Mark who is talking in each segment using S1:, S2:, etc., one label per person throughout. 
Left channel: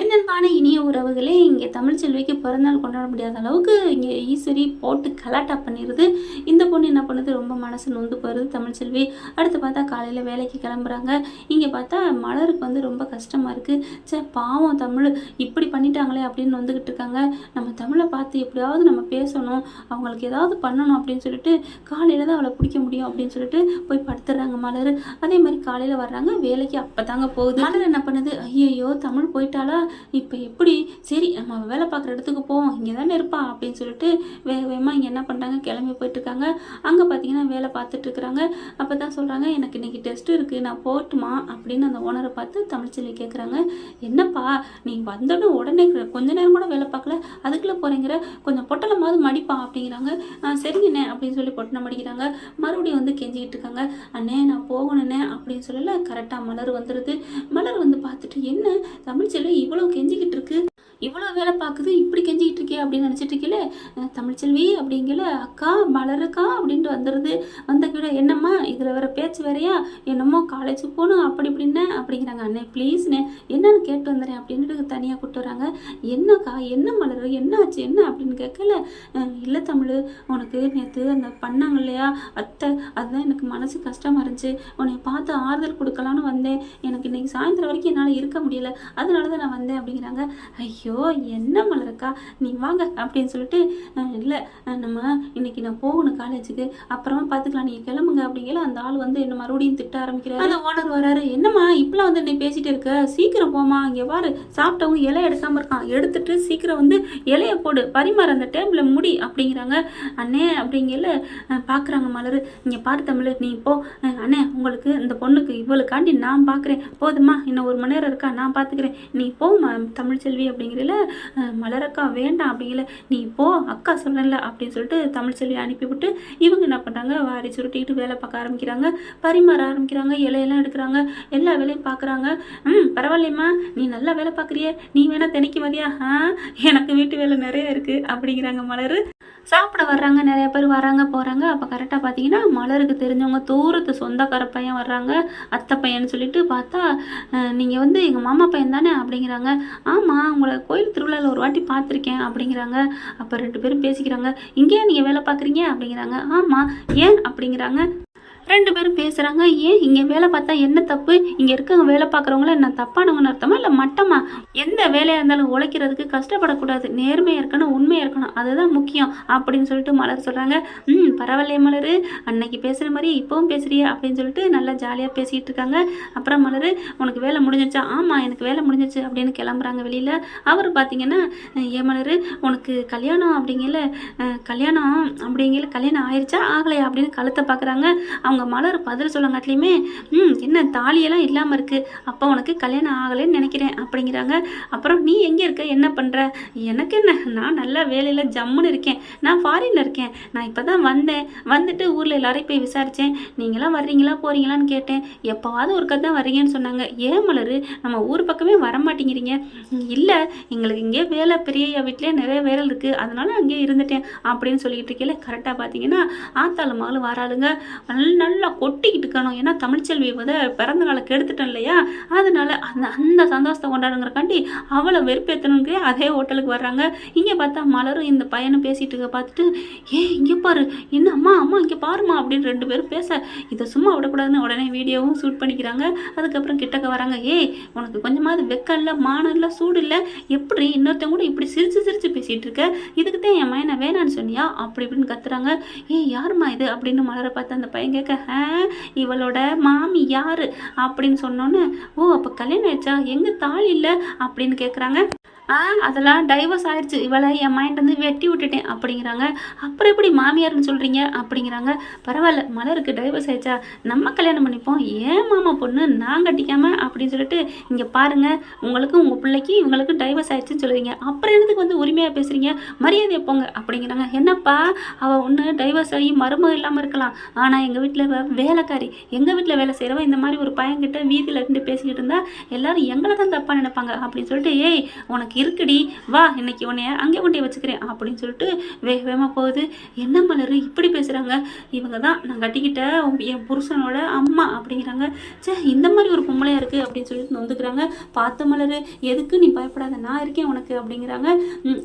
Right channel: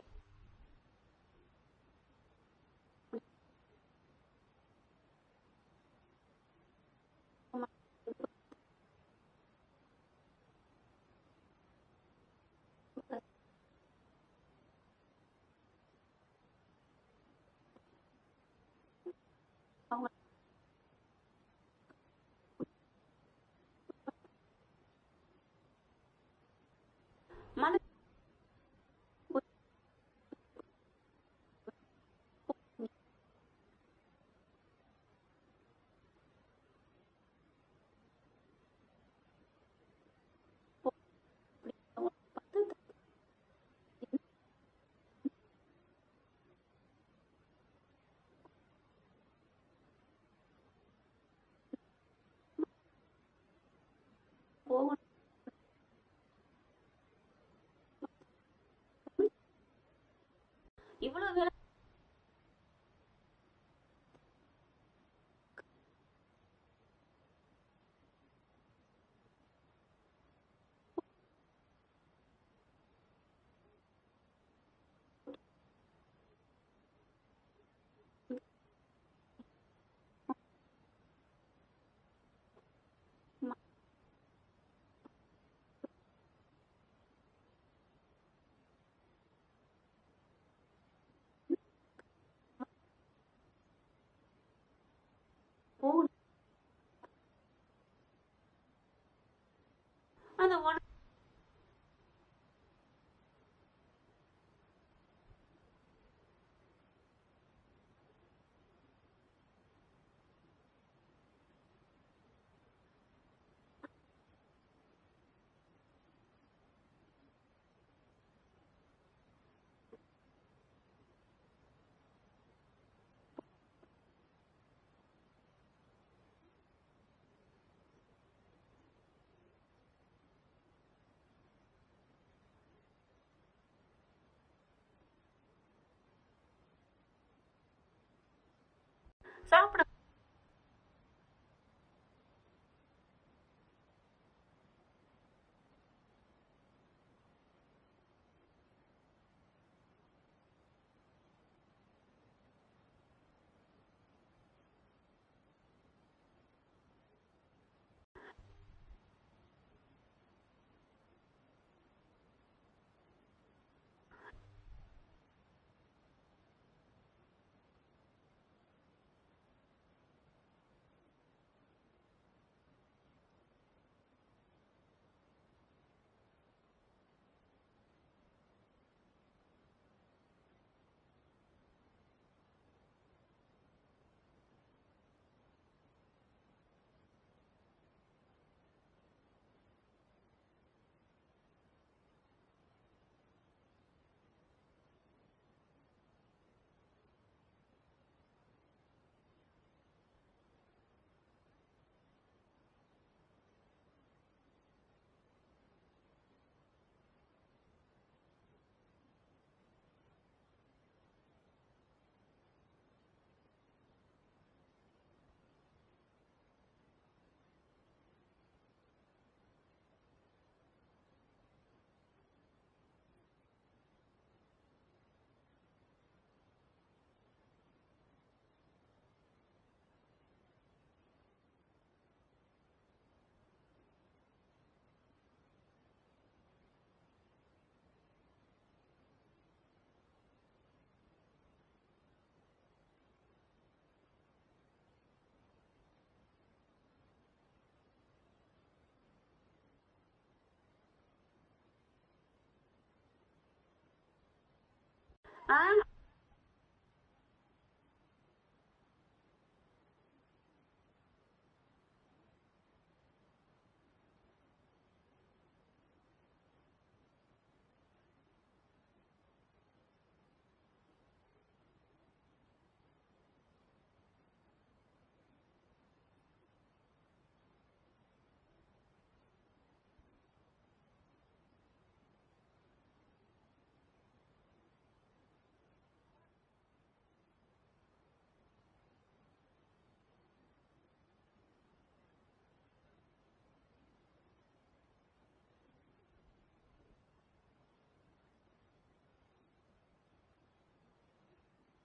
S1: என்னென்பான இனிய உறவுகளே இங்கே தமிழ்ச்செல்விக்கு பிறந்தநாள் கொண்டாட முடியாத அளவுக்கு இங்கே ஈஸ்வரி போட்டு கலாட்டா பண்ணிடுது இந்த பொண்ணு என்ன பண்ணுது? ரொம்ப மனசு நொந்து போயிடுது தமிழ்ச்செல்வி அடுத்து பார்த்தா காலையில் வேலைக்கு கிளம்புறாங்க. இங்கே பார்த்தா மலருக்கு வந்து ரொம்ப கஷ்டமாக இருக்குது சே பாவம் தமிழ். இப்படி பண்ணிட்டாங்களே அப்படின்னு வந்துக்கிட்டு இருக்காங்க. நம்ம தமிழை பார்த்து எப்படியாவது நம்ம பேசணும். அவங்களுக்கு ஏதாவது பண்ணணும் அப்படின்னு சொல்லிட்டு காலையில் தான் அவளை பிடிக்க முடியும் அப்படின்னு சொல்லிட்டு போய் படுத்துடுறாங்க மலர். அதே மாதிரி காலையில் வர்றாங்க. வேலைக்கு அப்போ தாங்க போகுது. மலர் என்ன பண்ணுது? ஐயையோ தமிழ் போயிட்டாலா இப்போ எப்படி? சரி நம்ம வேலை பார்க்குற இடத்துக்கு போவோம். இங்கே தானே இருப்பா அப்படின்னு சொல்லிட்டு வேக வேகமாக இங்கே என்ன பண்ணுறாங்க கிளம்பி போயிட்டுருக்காங்க. அங்கே பார்த்தீங்கன்னா வேலை பார்த்துட்ருக்குறாங்க அப்போ தான் சொல்கிறாங்க எனக்கு இன்றைக்கி டெஸ்ட் இருக்குது நான் போட்டுமா அப்படின்னு அந்த ஓனரை பார்த்து தமிழ்ச்செல்வி கேட்குறாங்க என்னப்பா நீ வந்தோடனே உடனே கொஞ்ச நேரம் கூட வேலை பார்க்கல. போகிறேங்கிற கொஞ்சம் பொட்டலமாவது மடிப்பா அப்படிங்கிறாங்க. சரிங்கண்ணே அப்படின்னு சொல்லி பொட்டனை மடிக்கிறாங்க. மறுபடியும் வந்து கெஞ்சிக்கிட்டு இருக்காங்க. அண்ணே நான் போகணுண்ணே அப்படின்னு சொல்லல. கரெக்டாக மலர் வந்துடுது மலர் வந்து பார்த்துட்டு என்ன? தமிழ்ச்செல்வி இவ்வளோ கெஞ்சிக்கிட்டு இருக்கு. இவ்வளோ வேலை பார்க்குது இப்படி கெஞ்சிக்கிட்டு இருக்கே அப்படின்னு நினச்சிட்டு இருக்கல தமிழ்ச்செல்வி அப்படிங்கல அக்கா மலருக்கா அப்படின்ட்டு வந்துடுது வந்த கூட என்னம்மா இதில் வர பேச்சு வேறையா? என்னமோ காலேஜ் போகணும் அப்படி இப்படின்னு அப்படிங்கிறாங்க. அண்ணே ப்ளீஸ்ண்ணே என்னன்னு கேட்டு வந்துடுறேன் அப்படின்ட்டு தனியாக கூப்பிட்டு வராங்க. என்னக்கா என்ன மலர் என்ன ஆச்சு என்ன அப்படின்னு கேட்கல. இல்லை தமிழ் உனக்கு நேற்று அந்த பண்ணாங்க இல்லையா? அத்தை அதுதான் எனக்கு மனசு கஷ்டமாக இருந்துச்சு. உன்னை பார்த்து ஆறுதல் கொடுக்கலான்னு வந்தேன். எனக்கு இன்னைக்கு சாயந்தரம் வரைக்கும் என்னால் இருக்க முடியல. அதனால தான் நான் வந்தேன் அப்படிங்கிறாங்க. ஐயோ என்ன மலருக்கா? நீ வாங்க அப்படின்னு சொல்லிட்டு இல்லை. நம்ம இன்னைக்கு நான் போகணும் காலேஜுக்கு. அப்புறமா பார்த்துக்கலாம் நீங்கள் கிளம்புங்க. அப்படிங்கல அந்த ஆள் வந்து என்ன மறுபடியும் திட்ட ஆரம்பிக்கிறாரு. அந்த ஓனர் வராரு. என்னம்மா இப்பெல்லாம் வந்து நீ பேசிட்டு இருக்க? சீக்கிரம் போமா இங்கே பாரு. சாப்பிட்டவங்க இலை எடுக்காம இருக்கான். எடுத்துட்டு சீக்கிரம் வந்து இலைய போடு. பரிமாறு அந்த டேபிள முடி. அப்படிங்கிறாங்க. அண்ணே அப்படிங்கல பார்க்குறாங்க மலர். இங்கே பாரு தமிழ். நீ போ. அஹ், அண்ணே உங்களுக்கு இந்த பொண்ணுக்கு இவளுக்காண்டி நான் பார்க்குறேன் போதுமா இன்னும் ஒரு மணி நேரம் இருக்கா? நான் பார்த்துக்கிறேன் நீ போ தமிழ்ச்செல்வி அப்படிங்கிறல மலரக்கா வேண்டாம் அப்படிங்கல. நீ போ அக்கா சொல்லல அப்படின்னு சொல்லிட்டு தமிழ் செல்வி அனுப்பிவிட்டு இவங்க என்ன பண்ணுறாங்க வாரி சுருட்டிக்கிட்டு வேலை பார்க்க ஆரம்பிக்கிறாங்க. பரிமாற ஆரம்பிக்கிறாங்க இலையெல்லாம் எடுக்கிறாங்க. எல்லா வேலையும் பார்க்குறாங்க. ம் பரவாயில்லைம்மா. நீ நல்லா வேலை பார்க்குறியே. நீ வேணால் தினைக்கு வரியா ஆ எனக்கு வீட்டு வேலை நிறைய இருக்குது அப்படிங்கிறாங்க மலர். சாப்பிட வர்றாங்க நிறைய பேர் வராங்க போகிறாங்க அப்போ கரெக்டாக பார்த்தீங்கன்னா மலருக்கு தெரிஞ்சவங்க தூரத்து சொந்தக்கார பையன் வர்றாங்க அத்தை பையன்னு சொல்லிட்டு பார்த்தா நீங்கள் வந்து எங்கள் மாமா பையன் தானே அப்படிங்கிறாங்க. ஆமாம் உங்களை கோயில் திருவிழாவில் ஒரு வாட்டி பார்த்துருக்கேன் அப்படிங்கிறாங்க. அப்போ ரெண்டு பேரும் பேசிக்கிறாங்க. இங்கேயே நீங்கள் வேலை பார்க்குறீங்க அப்படிங்கிறாங்க. ஆமாம் ஏன் அப்படிங்கிறாங்க. ரெண்டு பேரும் பேசுகிறாங்க ஏன் இங்கே வேலை பார்த்தா என்ன தப்பு? இங்கே இருக்கவங்க வேலை பார்க்குறவங்கள என்ன தப்பானவங்கன்னு அர்த்தமா இல்லை மட்டமா? எந்த வேலையாக இருந்தாலும் உழைக்கிறதுக்கு கஷ்டப்படக்கூடாது. நேர்மையாக இருக்கணும் உண்மையாக இருக்கணும். அதுதான் முக்கியம் அப்படின்னு சொல்லிட்டு மலர் சொல்கிறாங்க ம் பரவாயில்லையே மலர். அன்னைக்கு பேசுகிற மாதிரி இப்போவும் பேசுறியே அப்படின்னு சொல்லிட்டு நல்லா ஜாலியாக பேசிகிட்டு இருக்காங்க. அப்புறம் மலர் உனக்கு வேலை முடிஞ்சிச்சா ஆமாம் எனக்கு வேலை முடிஞ்சிச்சு அப்படின்னு கிளம்புறாங்க வெளியில். அவர் பார்த்தீங்கன்னா ஏன் மலர் உனக்கு கல்யாணம் அப்படிங்கல கல்யாணம் அப்படிங்கல கல்யாணம் ஆயிடுச்சா ஆகலையா அப்படின்னு கழுத்தை பார்க்குறாங்க அவங்க மலர் பதில் சொல்லங்காட்டிலையுமே ம் என்ன தாலியெல்லாம் இல்லாமல் இருக்குது அப்போ உனக்கு கல்யாணம் ஆகலைன்னு நினைக்கிறேன் அப்படிங்கிறாங்க. அப்புறம் நீ எங்கே இருக்க? என்ன பண்ணுற எனக்கு என்ன? நான் நல்ல வேலையில் ஜம்முன்னு இருக்கேன். நான் ஃபாரினில் இருக்கேன். நான் இப்போ தான் வந்தேன். வந்துட்டு ஊரில் எல்லாரையும் போய் விசாரித்தேன் நீங்களாம் வர்றீங்களா? போகிறீங்களான்னு கேட்டேன். எப்போவாவது ஒரு தான் வர்றீங்கன்னு சொன்னாங்க. ஏன் மலர்? நம்ம ஊர் பக்கமே வர மாட்டேங்கிறீங்க இல்லை எங்களுக்கு இங்கே வேலை பெரிய வீட்டிலே நிறைய வேலை இருக்குது அதனால அங்கேயே இருந்துட்டேன் அப்படின்னு சொல்லிட்டு இருக்கேன் கரெக்டாக பார்த்தீங்கன்னா ஆத்தாள் மகள் வராளுங்க. நல்லா கொட்டிக்கிட்டு இருக்கணும். ஏன்னா தமிழ்ச்செல்வி வந்து பிறந்த நாளை கெடுத்துட்டேன் இல்லையா? அதனால அந்த அந்த சந்தோஷத்தை கொண்டாடுங்கிறக்காண்டி அவளை வெறுப்பேற்றணுங்க அதே ஹோட்டலுக்கு வர்றாங்க. இங்கே பார்த்தா மலரும் இந்த பையனும் பேசிட்டு இருக்க பார்த்துட்டு ஏ இங்கே பாரு என்ன அம்மா அம்மா இங்கே பாருமா அப்படின்னு ரெண்டு பேரும் பேச இதை சும்மா விடக்கூடாதுன்னு உடனே வீடியோவும் ஷூட் பண்ணிக்கிறாங்க. அதுக்கப்புறம் கிட்டக்க வராங்க ஏய் உனக்கு கொஞ்சமாவது வெக்கம் இல்லை மானம் இல்லை சூடு இல்லை எப்படி இன்னொருத்தவங்க கூட இப்படி சிரிச்சு சிரிச்சு பேசிகிட்டு இருக்க? இதுக்கு தான் என் மயனை வேணான்னு சொன்னியா? அப்படி இப்படின்னு கத்துறாங்க. ஏய் யாரும்மா இது? அப்படின்னு மலரை பார்த்து அந்த பையன் கேட்க "ஆ, இவளோட மாமி யாரு? அப்படின்னு சொன்னோன்னே ஓ அப்போ கல்யாணம் ஆயிடுச்சா? எங்க தாலி இல்லை? அப்படின்னு கேட்குறாங்க அதெல்லாம் டைவர்ஸ் ஆயிடுச்சு இவளை என் மைண்ட் வந்து வெட்டி விட்டுட்டேன் அப்படிங்கிறாங்க. அப்புறம் எப்படி மாமியார்னு சொல்கிறீங்க அப்படிங்கிறாங்க. பரவாயில்ல மலருக்கு டைவர்ஸ் ஆயிடுச்சா? நம்ம கல்யாணம் பண்ணிப்போம். ஏன் மாமா பொண்ணு நான் கட்டிக்காம அப்படின்னு சொல்லிட்டு இங்கே பாருங்கள் உங்களுக்கு உங்கள் பிள்ளைக்கு இவங்களுக்கு டைவர்ஸ் ஆயிடுச்சுன்னு சொல்லுவீங்க. அப்புறம் என்னதுக்கு வந்து உரிமையாக பேசுகிறீங்க மரியாதையை போங்க அப்படிங்கிறாங்க. என்னப்பா? அவள் ஒன்று டைவர்ஸ் ஆகி மருமகம் இல்லாமல் இருக்கலாம். ஆனால் எங்கள் வீட்டில் வேலைக்காரி. எங்கள் வீட்டில் வேலை செய்கிறவன் இந்த மாதிரி ஒரு பையன்கிட்ட வீதியில் இருந்து பேசிக்கிட்டு இருந்தால் எல்லாரும் எங்களை தான் தப்பாக நினைப்பாங்க அப்படின்னு சொல்லிட்டு ஏய் உனக்கு இருக்குடி வா இன்னைக்கு உன்னைய அங்கே கொண்டே வச்சுக்கிறேன் அப்படின்னு சொல்லிட்டு வேக வேகமாக போகுது. என்ன மலர் இப்படி பேசுகிறாங்க இவங்க தான் நான் கட்டிக்கிட்ட என் புருஷனோட அம்மா அப்படிங்கிறாங்க. சே இந்த மாதிரி ஒரு பொம்பளையாக இருக்குது அப்படின்னு சொல்லிட்டு நொந்துக்கிறாங்க. பார்த்த மலர் எதுக்கு நீ பயப்படாத நான் இருக்கேன் உனக்கு அப்படிங்கிறாங்க.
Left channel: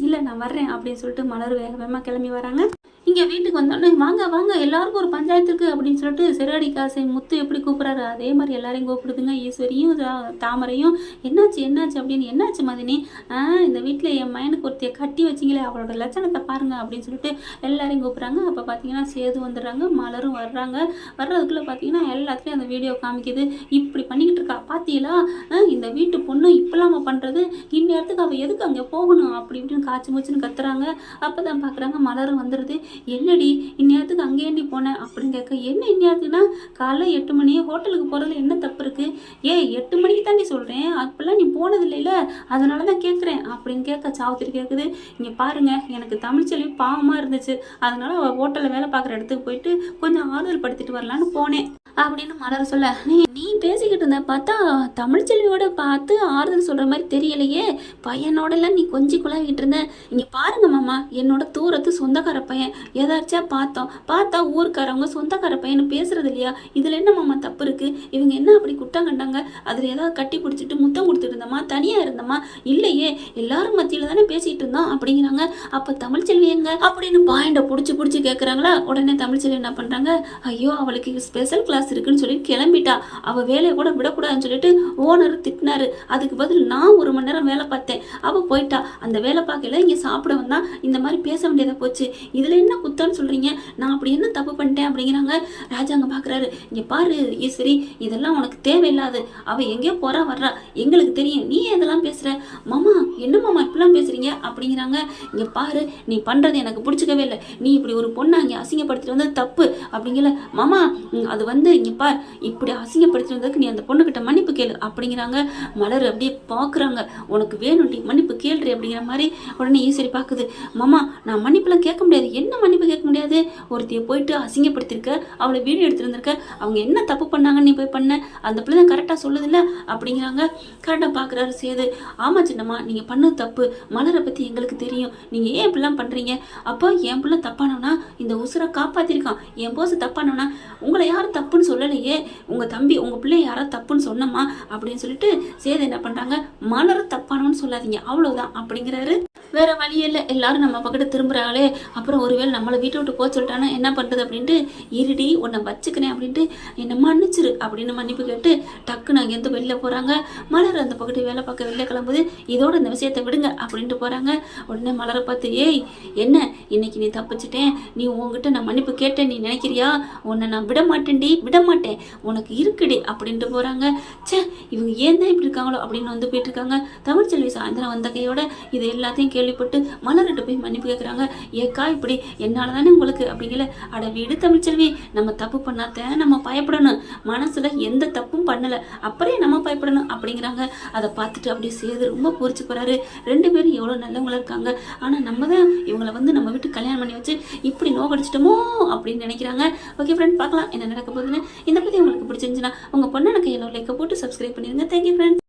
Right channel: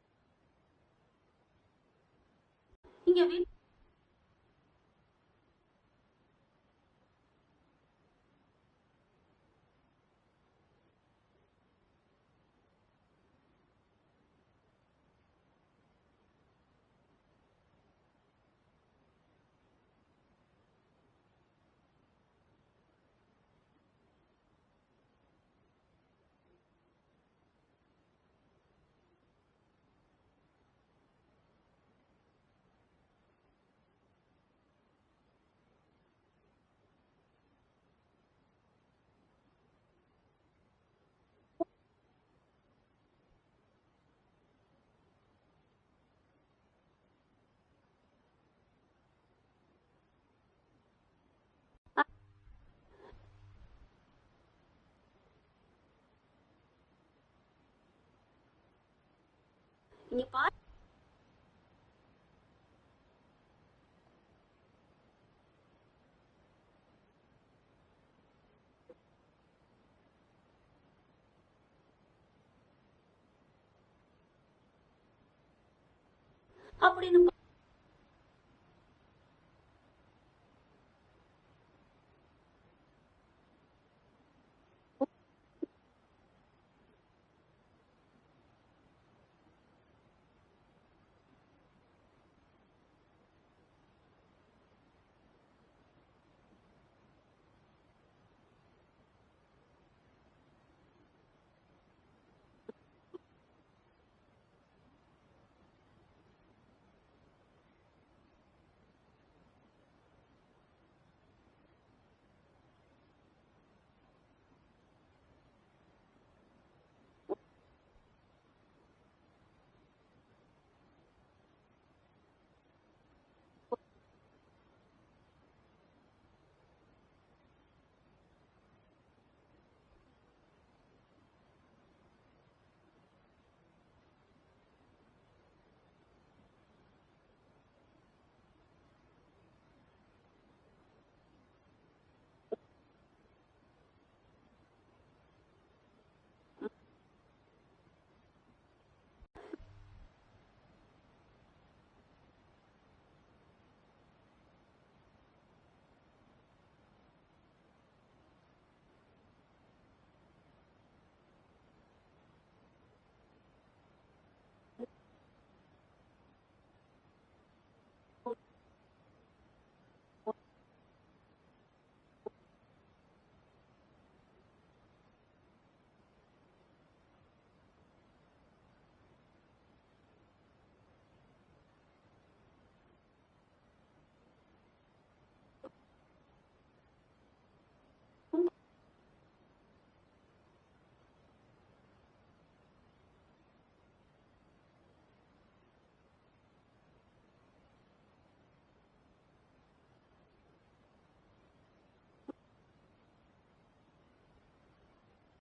S1: இல்லை நான் வர்றேன் அப்படின்னு சொல்லிட்டு மலர் வேக வேகமாக கிளம்பி வராங்க. இங்கே வீட்டுக்கு வந்தோடனே வாங்க வாங்க எல்லாருக்கும் ஒரு பஞ்சாயத்துக்கு அப்படின்னு சொல்லிட்டு சிறாடி காசை முத்து எப்படி கூப்பிட்றாரு? அதே மாதிரி எல்லாரையும் கூப்பிடுதுங்க. ஈஸ்வரியும் தா- தாமரையும் என்னாச்சு என்னாச்சு? அப்படின்னு என்னாச்சு மதினி? ஆ இந்த வீட்டில் என் மயனுக்கு ஒருத்தைய கட்டி வச்சிங்களே அவளோட லட்சணத்தை பாருங்க அப்படின்னு சொல்லிட்டு எல்லாரையும் கூப்பிட்றாங்க. அப்போ பார்த்தீங்கன்னா சேது வந்துடுறாங்க மலரும் வர்றாங்க. வர்றதுக்குள்ளே பார்த்தீங்கன்னா எல்லாத்துலேயும் அந்த வீடியோ காமிக்குது. இப்படி பண்ணிக்கிட்டு இருக்கா பார்த்தீங்களா ஆ, இந்த வீட்டு பொண்ணு இப்பெல்லாம் பண்ணுறது இந்நேரத்துக்கு அவள் எதுக்கு அங்கே போகணும்? அப்படி இப்படின்னு காய்ச்சி மூச்சுன்னு கத்துறாங்க. அப்போ தான் பார்க்குறாங்க மலரும் வந்துடுது என்னடி இந்நேரத்துக்கு அங்கே ஏண்டி போனேன் அப்படின்னு கேட்க என்ன இந்நேரத்துக்குனா காலைல எட்டு மணி ஹோட்டலுக்கு போகிறதுல என்ன தப்பு இருக்குது ஏ எட்டு மணிக்கு தாண்டி சொல்கிறேன் அப்போல்லாம் நீ போனது இல்லைல்ல. அதனால தான் கேட்குறேன். அப்படின்னு கேட்க சாவுத்திரி கேட்குது. இங்கே பாருங்க எனக்கு தமிழ்ச்செல்வி பாவமாக இருந்துச்சு. அதனால அவள் ஹோட்டலில் வேலை பார்க்குற இடத்துக்கு போயிட்டு கொஞ்சம் ஆறுதல் படுத்திட்டு வரலான்னு போனேன். அப்படின்னு மலர் சொல்ல நீ நீ பேசிக்கிட்டு இருந்த பார்த்தா தமிழ்ச்செல்வியோட பார்த்து ஆறுதல் சொல்கிற மாதிரி தெரியலையே. பையனோடலாம் நீ கொஞ்சம் குழாவிட்டு இருந்த. இங்கே பாருங்க மாமா என்னோட தூரத்து சொந்தக்கார பையன். ஏதாச்சா பார்த்தோம். பார்த்தா ஊருக்காரவங்க சொந்தக்கார பையன் பேசுறது இல்லையா? இதில் என்ன மாமா தப்பு இருக்கு? இவங்க என்ன அப்படி குட்டம் கண்டாங்க? அதில் ஏதாவது கட்டி பிடிச்சிட்டு முத்தம் கொடுத்துட்டு இருந்தோமா? தனியாக இருந்தோமா? இல்லையே எல்லாரும் மத்தியில் தானே பேசிட்டு இருந்தோம் அப்படிங்கிறாங்க. அப்போ தமிழ்ச்செல்வி எங்க? அப்படின்னு பாயிண்டை பிடிச்சி பிடிச்சி கேட்குறாங்களா உடனே தமிழ்ச்செல்வி என்ன பண்ணுறாங்க ஐயோ அவளுக்கு ஸ்பெஷல் கிளாஸ் இருக்குன்னு சொல்லி கிளம்பிட்டா. அவள் வேலையை கூட விடக்கூடாதுன்னு சொல்லிட்டு ஓனர் திட்டினாரு. அதுக்கு பதில் நான் ஒரு மணி நேரம் வேலை பார்த்தேன். அவள் போயிட்டா. அந்த வேலை பார்க்கல இங்கே சாப்பிட வந்தா. இந்த மாதிரி பேச வேண்டியதாக போச்சு. இதில் என்ன குத்தம்னு சொல்கிறீங்க நான் அப்படி என்ன தப்பு பண்ணிட்டேன் அப்படிங்கிறாங்க ராஜாங்க பார்க்குறாரு இங்கே பாரு ஈஸ்வரி இதெல்லாம் உனக்கு தேவையில்லாது. அவள் எங்கேயோ போகிறா வர்றா. எங்களுக்கு தெரியும். நீ இதெல்லாம் பேசுகிற மாமா என்ன மாமா இப்படிலாம் பேசுகிறீங்க அப்படிங்கிறாங்க. இங்கே பாரு நீ பண்ணுறது எனக்கு பிடிச்சிக்கவே இல்லை. நீ இப்படி ஒரு பொண்ணை அங்கே அசிங்கப்படுத்திட்டு வந்தது தப்பு. அப்படிங்கல மாமா அது வந்து இங்கே பார் இப்படி அசிங்கப்படுத்தினதுக்கு வந்ததுக்கு நீ அந்த பொண்ணுக்கிட்ட மன்னிப்பு கேளு அப்படிங்கிறாங்க. மலர் அப்படியே பார்க்குறாங்க உனக்கு வேணும்டி மன்னிப்பு கேள்றி அப்படிங்கிற மாதிரி உடனே ஈஸ்வரி பார்க்குது மாமா நான் மன்னிப்புலாம் கேட்க முடியாது. என்ன மன்னிப்பு கேட்க முடியாது? ஒருத்தைய போயிட்டு அசிங்கப்படுத்திருக்க அவளை வீடியோ எடுத்துருந்துருக்க அவங்க என்ன தப்பு பண்ணாங்கன்னு நீ போய் பண்ண? அந்த பிள்ளை தான் கரெக்டாக சொல்லுதில்ல அப்படிங்கிறாங்க. கரெக்டாக பார்க்குறாரு சேது. ஆமா சின்னம்மா நீங்கள் பண்ணது தப்பு. மலரை பற்றி எங்களுக்கு தெரியும். நீங்கள் ஏன் இப்படிலாம் பண்ணுறீங்க அப்போ என் பிள்ளை தப்பானவனா? இந்த உசுரை காப்பாற்றிருக்கான் என் போஸ் தப்பானவனா? உங்களை யாரும் தப்புன்னு சொல்லலையே. உங்கள் தம்பி உங்கள் பிள்ளை யாராவது தப்புன்னு சொன்னம்மா அப்படின்னு சொல்லிட்டு சேது என்ன பண்ணுறாங்க மலர் தப்பானவன்னு சொல்லாதீங்க. அவ்வளோதான் அப்படிங்கிறாரு. வேற வழி இல்லை. எல்லாரும் நம்ம பக்கத்து திரும்புகிறாங்களே அப்புறம் ஒருவேளை நம்மளை வீட்டை விட்டு போக சொல்லிட்டானா என்ன பண்ணுறது அப்படின்ட்டு இருடி உன்னை வச்சுக்கிறேன் அப்படின்ட்டு என்னை மன்னிச்சிரு அப்படின்னு மன்னிப்பு கேட்டு டக்குன்னு அங்கேருந்து வெளில போகிறாங்க மலர் அந்த பக்கத்து வேலை பார்க்க வெளில கிளம்புது. இதோட இந்த விஷயத்தை விடுங்க அப்படின்ட்டு போகிறாங்க உடனே மலரை பார்த்து ஏய் என்ன? இன்னைக்கு நீ தப்பிச்சிட்டேன். நீ உன்கிட்ட நான் மன்னிப்பு கேட்டேன். நீ நினைக்கிறியா? உன்னை நான் விட மாட்டேன்டி. விட மாட்டேன் உனக்கு இருக்குடி அப்படின்ட்டு போகிறாங்க ச்சே இவங்க ஏன் தான் இப்படி இருக்காங்களோ அப்படின்னு வந்து போயிட்டு இருக்காங்க தமிழ்ச்செல்வி சாயந்தரம் வந்த கையோட இது எல்லாத்தையும் கேள்விப்பட்டு மலர்கிட்ட போய் மன்னிப்பு கேட்குறாங்க ஏக்கா இப்படி என்னால் தானே உங்களுக்கு அப்படிங்கல. அட வீடு தமிழ்ச்செல்வி நம்ம தப்பு பண்ணாத நம்ம பயப்படணும். மனசில் எந்த தப்பும் பண்ணலை. அப்புறம் நம்ம பயப்படணும் அப்படிங்கிறாங்க. அதை பார்த்துட்டு அப்படியே சேது ரொம்ப பூரிச்சு போகிறாரு ரெண்டு பேரும் எவ்வளோ நல்லவங்களா இருக்காங்க. ஆனால் நம்ம தான் இவங்களை வந்து நம்ம வீட்டு கல்யாணம் பண்ணி வச்சு இப்படி நோக்கடிச்சிட்டோமோ அப்படின்னு நினைக்கிறாங்க. ஓகே ஃப்ரெண்ட் பார்க்கலாம் என்ன நடக்க போகுதுன்னு. இந்த பற்றி உங்களுக்கு பிடிச்சிருந்துச்சுன்னா உங்கள் பொண்ணு எனக்கு எல்லோ லைக்கை போட்டு சப்ஸ்கிரைப் பண்ணிடுங்க தேங்க்யூ ஃப்ரெண்ட்ஸ்